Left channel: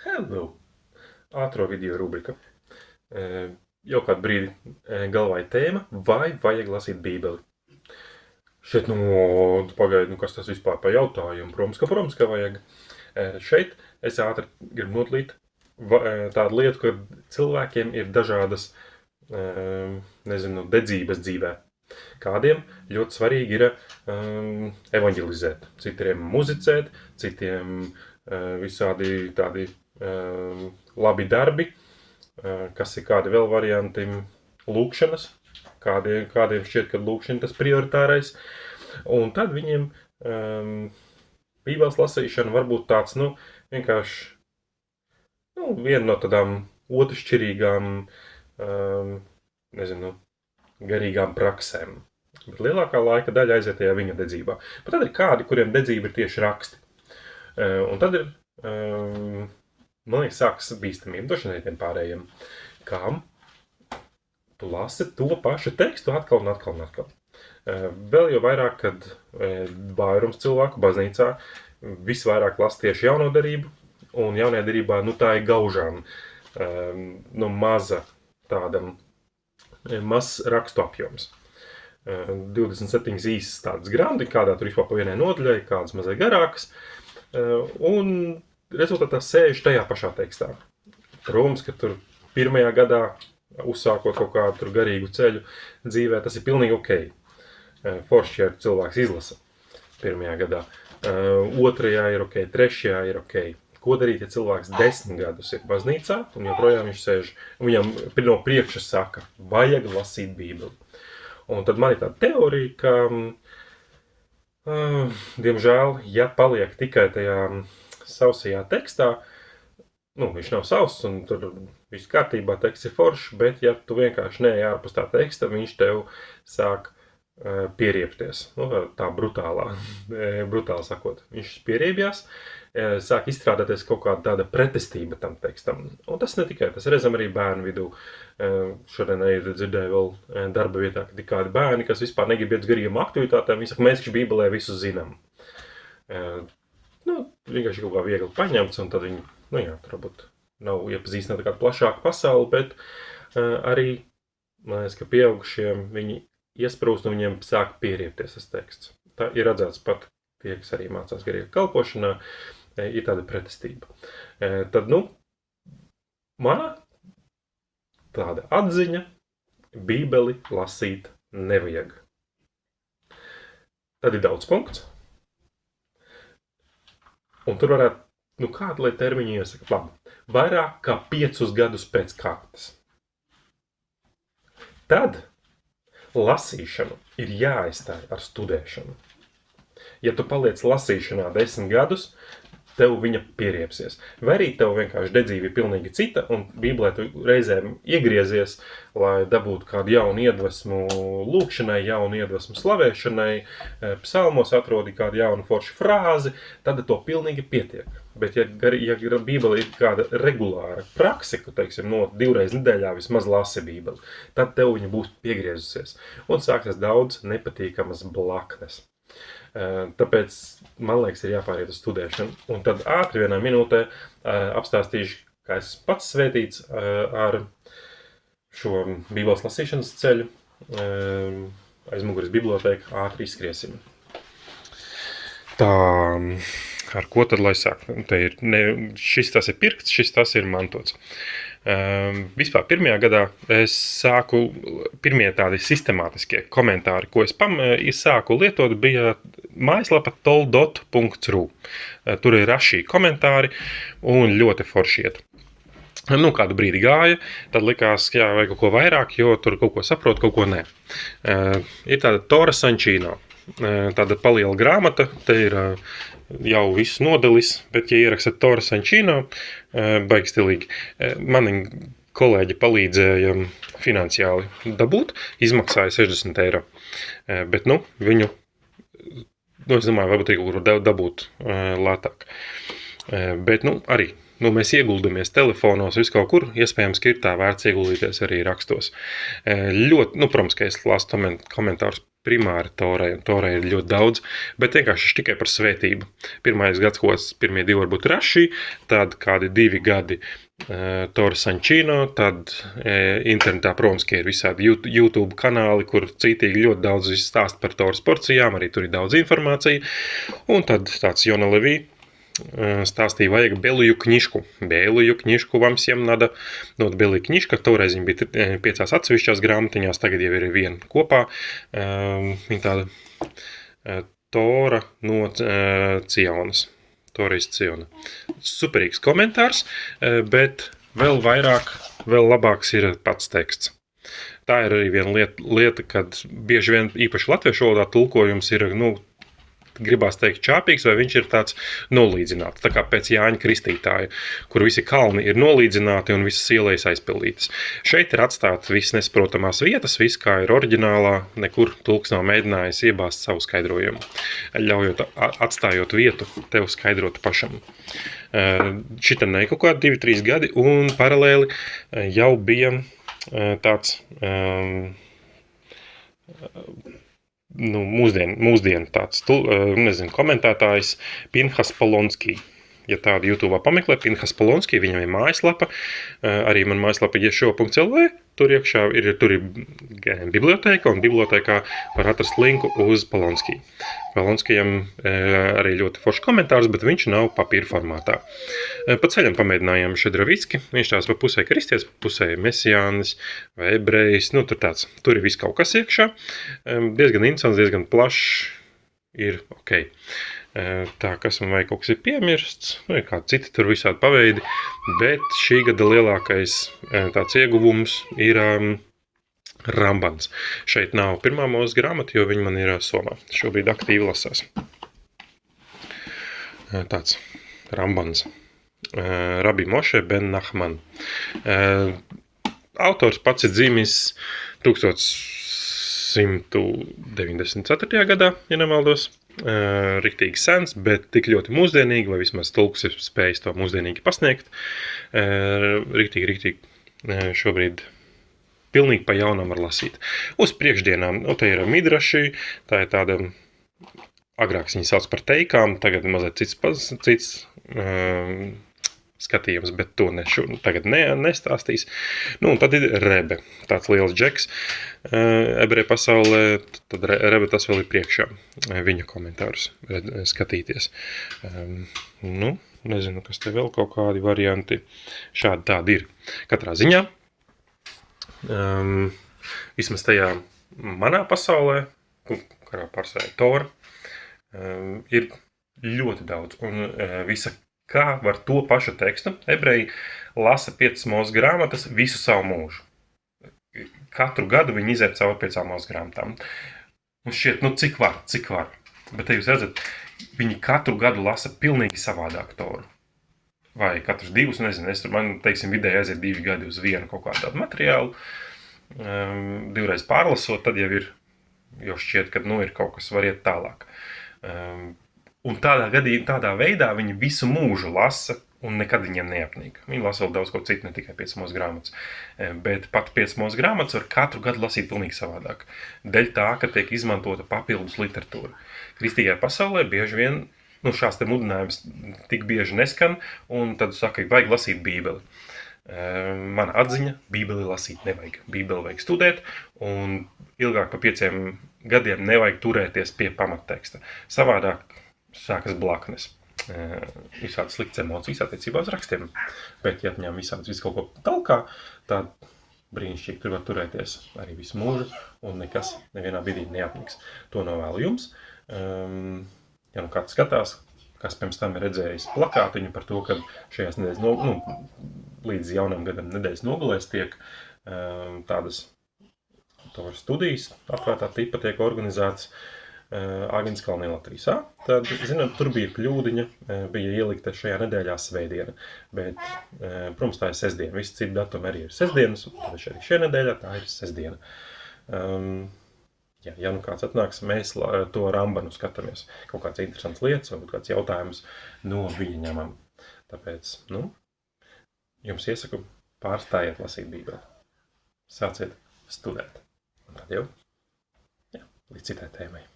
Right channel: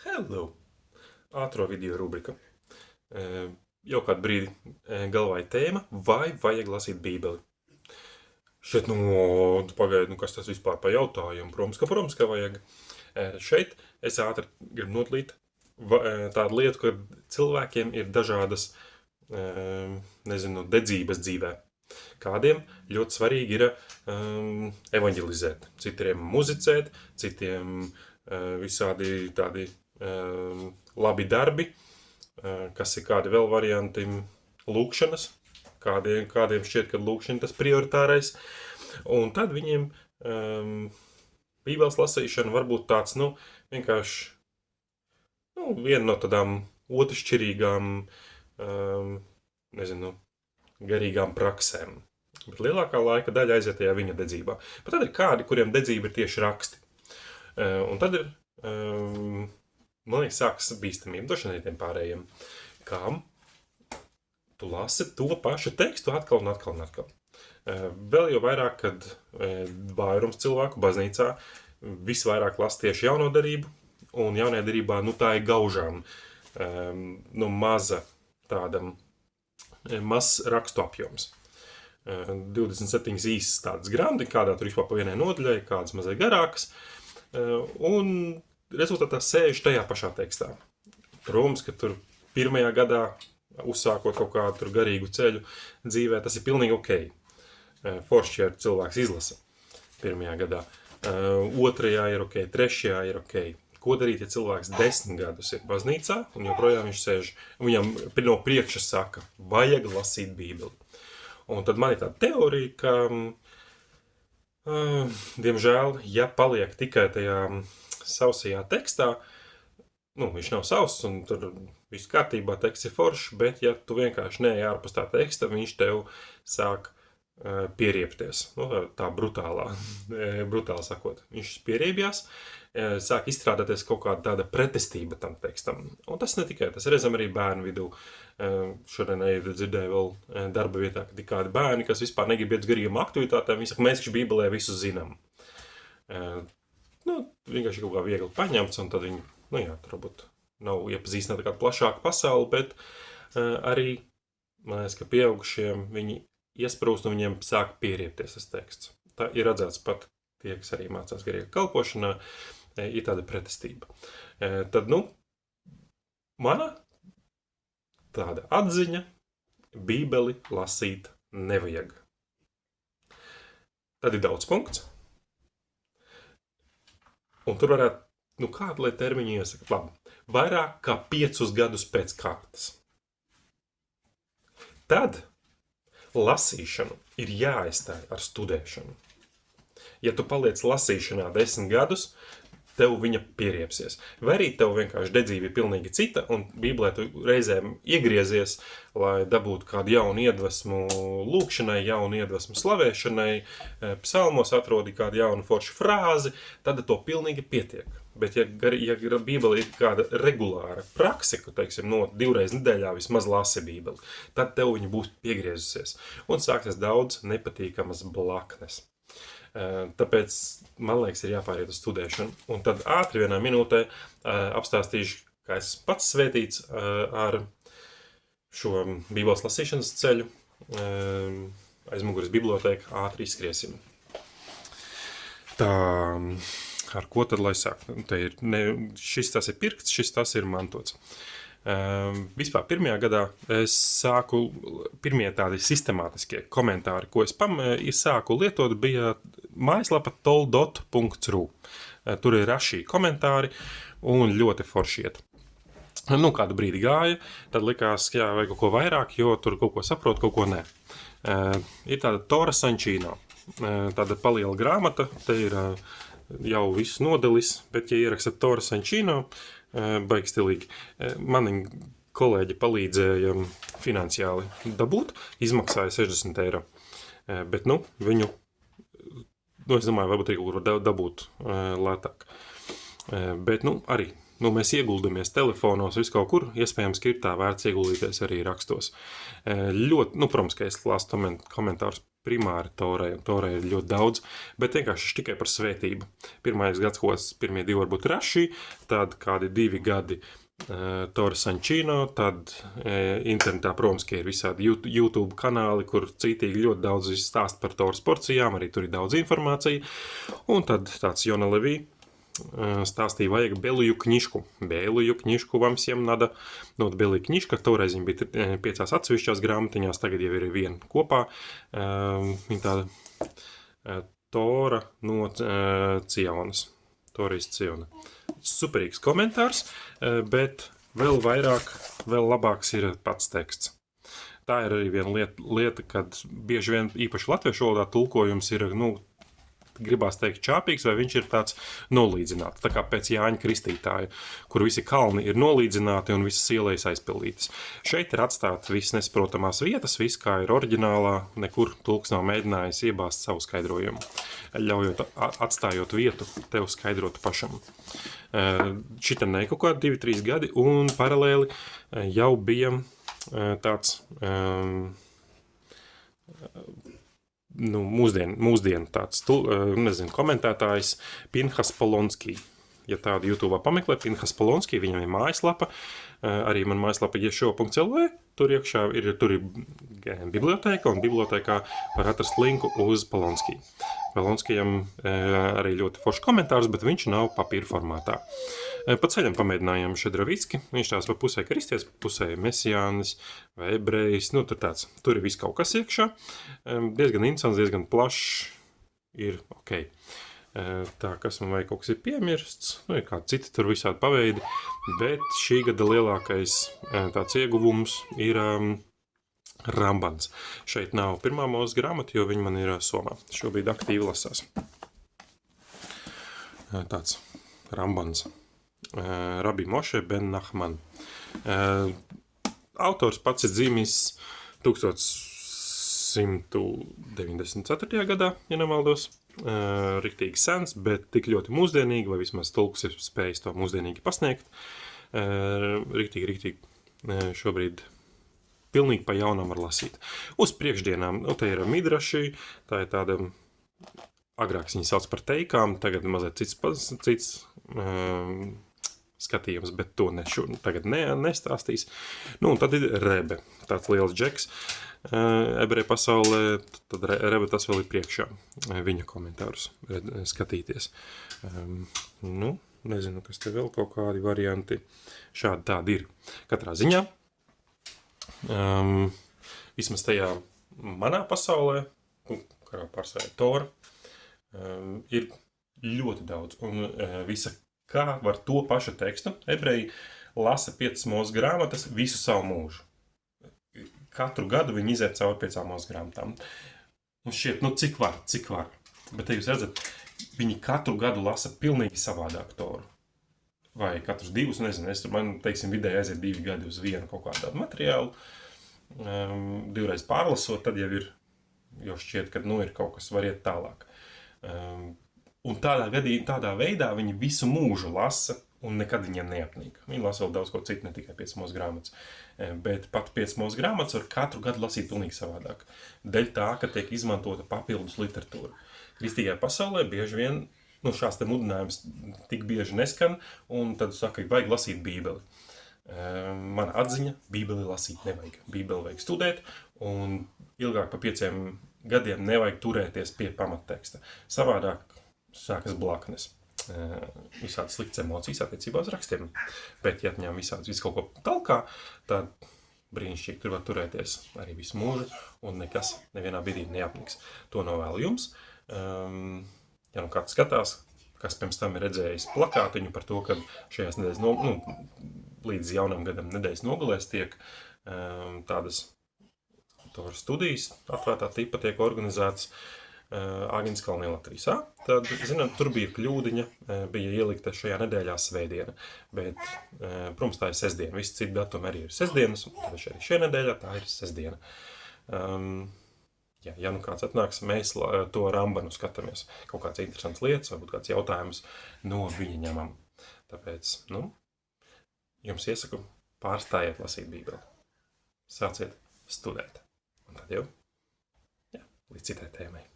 Hello! Ātro video rubrika. Jau kādu brīdi galvā ir tēma, vai vajag lasīt Bībeli. Šeit, pagaidi, kas tas vispār pa jautājumu? Protams, ka vajag. Šeit es ātri gribu nodalīt tādu lietu, ka cilvēkiem ir dažādas, dedzības dzīvē. Kādiem ļoti svarīgi ir evanģelizēt, citiem muzicēt, citiem visādi tādi labi darbi, kas ir kādi vēl varianti lūkšanas, kādiem šķiet, ka lūkšana tas prioritārais, un tad viņiem Bībeles lasīšana var būt tāds, vienkārši, viena no tādām otršķirīgām, garīgām praksēm. Bet lielākā laika daļa aiziet tajā viņa dedzībā. Bet tad ir kādi, kuriem dedzība ir tieši raksti. Un tad ir, man liekas, sākas bīstamība došanai tiem pārējiem. Kam tu lasi to pašu tekstu atkal un atkal un atkal. Vēl jau vairāk, kad vairums cilvēku baznīcā visvairāk lasa tieši jauno derību, un jaunajā derībā, tā ir gaužām maza tādam, mazs rakstu apjoms. 27 īsas tādas grāmati, kādā tur vispār pa vienai nodaļai, kādas mazai garākas, un rezultātā sēž tajā pašā tekstā. Protams, ka tur pirmajā gadā, uzsākot kaut kādu tur garīgu ceļu dzīvē, tas ir pilnīgi ok. Forši, ja cilvēks izlasa pirmajā gadā. Otrajā ir ok, trešajā ir ok. Ko darīt, ja cilvēks 10 gadus ir baznīcā, un joprojām viņš sēž, viņam no priekša saka, vajag lasīt Bībeli. Un tad man ir tāda teorija, ka, diemžēl, ja paliek tikai tajā sausajā tekstā, viņš nav sauss un tur viss kārtībā, teksts ir foršs, bet ja tu vienkārši neej ārpus tā teksta, viņš tev sāk pieriepties. Tā brutāli sakot. Viņš pieriebjās, sāk izstrādāties kaut kāda tāda pretestība tam tekstam. Un tas ne tikai, tas redzam arī bērnu vidū. Šodien dzirdēju vēl darba vietā, ka ir kādi bērni, kas vispār negrib iet uz garīgām aktivitātēm. Viņi saka, mēs taču Bībelē visu zinām. Vienkārši kaut kā viegli paņemts, un tad viņi, tur varbūt nav iepazīstināti kādu plašāku pasauli, bet arī, man liekas, ka pieaugušiem viņi iesprūst un viņiem sāk pieriepties tas teksts. Tā ir redzēts pat tie, kas arī mācās garīgā kalpošanā, ir tāda pretestība. Tad, mana tāda atziņa, Bībeli lasīt nevajag. Tad ir daudz punkts. Un tur varētu, kādu lai termiņu iesaka? Labi, vairāk kā 5 gadus pēc kārtas. Tad lasīšanu ir jāaizstāj ar studēšanu. Ja tu paliec lasīšanā 10 gadus, tev viņa pieriepsies. Vai arī tev vienkārši dedzība ir pilnīgi cita, un Bībelē tu reizēm iegriezies, lai dabūtu kādu jaunu iedvesmu lūkšanai, jaunu iedvesmu slavēšanai, psalmos atrodi kādu jaunu foršu frāzi, tad to pilnīgi pietiek. Bet ja Bībele ir kāda regulāra prakse, ka, teiksim, 2 reizes nedēļā vismaz lasi Bībeli, tad tev viņa būs piegriezusies. Un sāksies daudz nepatīkamas blaknes. Tāpēc, man liekas, ir jāpāriet uz studēšanu. Un tad ātri vienā minūtē apstāstīšu, kā es pats svētīts ar šo Bībeles lasīšanas ceļu. Aiz muguras biblioteka ātri izskriesim. Tā, ar ko tad lai sāk? Šis tas ir pirkts, šis tas ir mantots. Vispār pirmajā gadā es sāku, pirmie tādi sistemātiskie komentāri, ko es sāku lietot, bija mājaslapa toldot.ru. Tur ir rašī komentāri un ļoti forši iet. Kādu brīdi gāja, tad likās, vajag kaut ko vairāk, jo tur kaut ko saprot, kaut ko nē. Ir tāda Tora Sančīno, tāda paliela grāmata, te ir jau viss nodelis, bet ja ierakstat Tora Sančīno, baigi stilīgi. Mani kolēģi palīdzēja finansiāli dabūt, izmaksāja 60 eiro. Bet, viņu, es domāju, varbūt arī kaut kur dabūt lētāk. Bet, arī, mēs ieguldamies telefonos, visu kaut kur, iespējams, ka ir tā vērts ieguldīties arī rakstos. Ļoti, protams, ka es lasu komentārus primāri Torai, un Torai ir ļoti daudz, bet vienkārši tikai par svētību. Pirmais gads, pirmie 2 varbūt Raši, tad kādi 2 gadi Tora Sančino, tad internetā, protams, ir visādi YouTube kanāli, kur citīgi ļoti daudz stāst par Toras porcijām, arī tur ir daudz informācija. Un tad tāds Jona Levī stāstīja, vajag Белую книжку. Белую книжку вам всем надо. Nu, Белая книжка, toreiz viņa bija 5 atsevišķās grāmatiņās, tagad jau ir viena kopā. Viņa tāda Tora no Cionas. Toreiz Ciona. Superīgs komentārs, bet vēl vairāk, vēl labāks ir pats teksts. Tā ir arī viena lieta, kad bieži vien īpaši latviešu valodā tulkojums ir, gribās teikt čāpīgs, vai viņš ir tāds nolīdzināts. Tā kā pēc Jāņa Kristītāja, kur visi kalni ir nolīdzināti un visas ielejas aizpildītas. Šeit ir atstāta viss nesaprotamās vietas, viss kā ir oriģinālā, nekur tulks nav mēģinājis iebāzt savu skaidrojumu, ļaujot, atstājot vietu tev skaidrot pašam. Šitam ne kaut kādi 2-3 gadi, un paralēli jau bija tāds mūsdienu tāds, komentētājs Pinhas Polonski. Ja tādu YouTube pameklē, Pinhas Polonski, viņam ir mājaslapa, arī man mājaslapa iešo.lv, tur iekšā ir biblioteka, un bibliotēkā var atrast linku uz Polonski. Polonskijam arī ļoti foršs komentārs, bet viņš nav papīra formātā. Pa ceļam pamēģinājām Šedrovicki, viņš tās pa pusē kristietis, pa pusē mesijānis vai ebrejs, tur ir viss kaut kas iekšā, diezgan interesants, diezgan plašs, ir ok. Tā, kas man vajag, kaut kas ir piemirsts, ir kādi citi tur visādi paveidi, bet šī gada lielākais tāds ieguvums ir Rambans. Šeit nav pirmā mūsu grāmata, jo viņa man ir somā. Šobrīd aktīvi lasās. Tāds Rambans. Rabbi Moše ben Nachman. Autors pats ir dzimis 1194. gadā, ja nemaldos. Riktīgi sens, bet tik ļoti mūsdienīgi, vai vismaz tulks ir spējis to mūsdienīgi pasniegt. Riktīgi šobrīd pilnīgi pa jaunam var lasīt. Uz priekšdienām, te ir midraši, tā ir tāda, agrāk viņi sauc par teikām, tagad mazliet cits skatījums, bet to tagad nestāstīs. Un tad ir Rebe, tāds liels džeks ebreju pasaulē, tad Rebe tas vēl ir priekšā, viņa komentārus skatīties. Nezinu, kas te vēl kaut kādi varianti. Šādi tādi ir. Katrā ziņā, vismaz tajā manā pasaulē, kurā pārstāvja Tora, ir ļoti daudz. Un visa kā var to pašu tekstu. Ebreji lasa 5 mūsu grāmatas visu savu mūžu. Katru gadu viņi iziet cauri 5 mūsu grāmatām. Un šķiet, cik var. Bet te jūs redzat, viņi katru gadu lasa pilnīgi savādāk Toru. Vai katrus 2, nezinu, man, vidēji aiziet 2 gadi uz vienu kaut kādu tādu materiālu. 2 reizes pārlasot, tad jau ir, jo šķiet, ka ir kaut kas var iet tālāk. Un tādā veidā viņi visu mūžu lasa, un nekad viņiem neapnīk. Viņi lasa vēl daudz ko citu, ne tikai 5 mūsu grāmatas. Bet pat 5 mūsu grāmatas var katru gadu lasīt pilnīgi savādāk. Dēļ tā, ka tiek izmantota papildus literatūra. Kristīgajā pasaulē bieži vien šās te mudinājums tik bieži neskan, un tad saka, vajag lasīt Bībeli. Mana atziņa, Bībeli lasīt nevajag. Bībeli vajag studēt, un ilgāk pa 5 gadiem nevajag turēties pie pamatteksta. Savādāk sākas blaknes. Visādas sliktas emocijas attiecībā uz rakstiem. Bet, ja atņem visu kaut ko talkā, tad brīnišķīgi tur var turēties arī visu mūžu, un nekas nevienā brīdī neapniks. To novēlu jums. Ja kāds skatās, kas pirms tam ir redzējis plakātiņu par to, ka šajās nedēļas, līdz jaunam gadam nedēļas nogalēs tiek tādas Toras studijas, atvērtā tipa tiek organizētas Āgenskalnē Latvijā. Tad, zināt, tur bija kļūdiņa, bija ielikta šajā nedēļā svētdiena, bet, protams, tā ir sestdiena. Visi citi datumi arī ir sestdienas, un arī šajā nedēļā tā ir sestdiena. Ja kāds atnāks, mēs to Rambanu skatāmies. Kaut kāds interesants lietas, varbūt kāds jautājums no viņa ņemam. Tāpēc, jums iesaku pārstājiet lasīt Bībeli. Sāciet studēt. Un tad jau, līdz citai tēmai.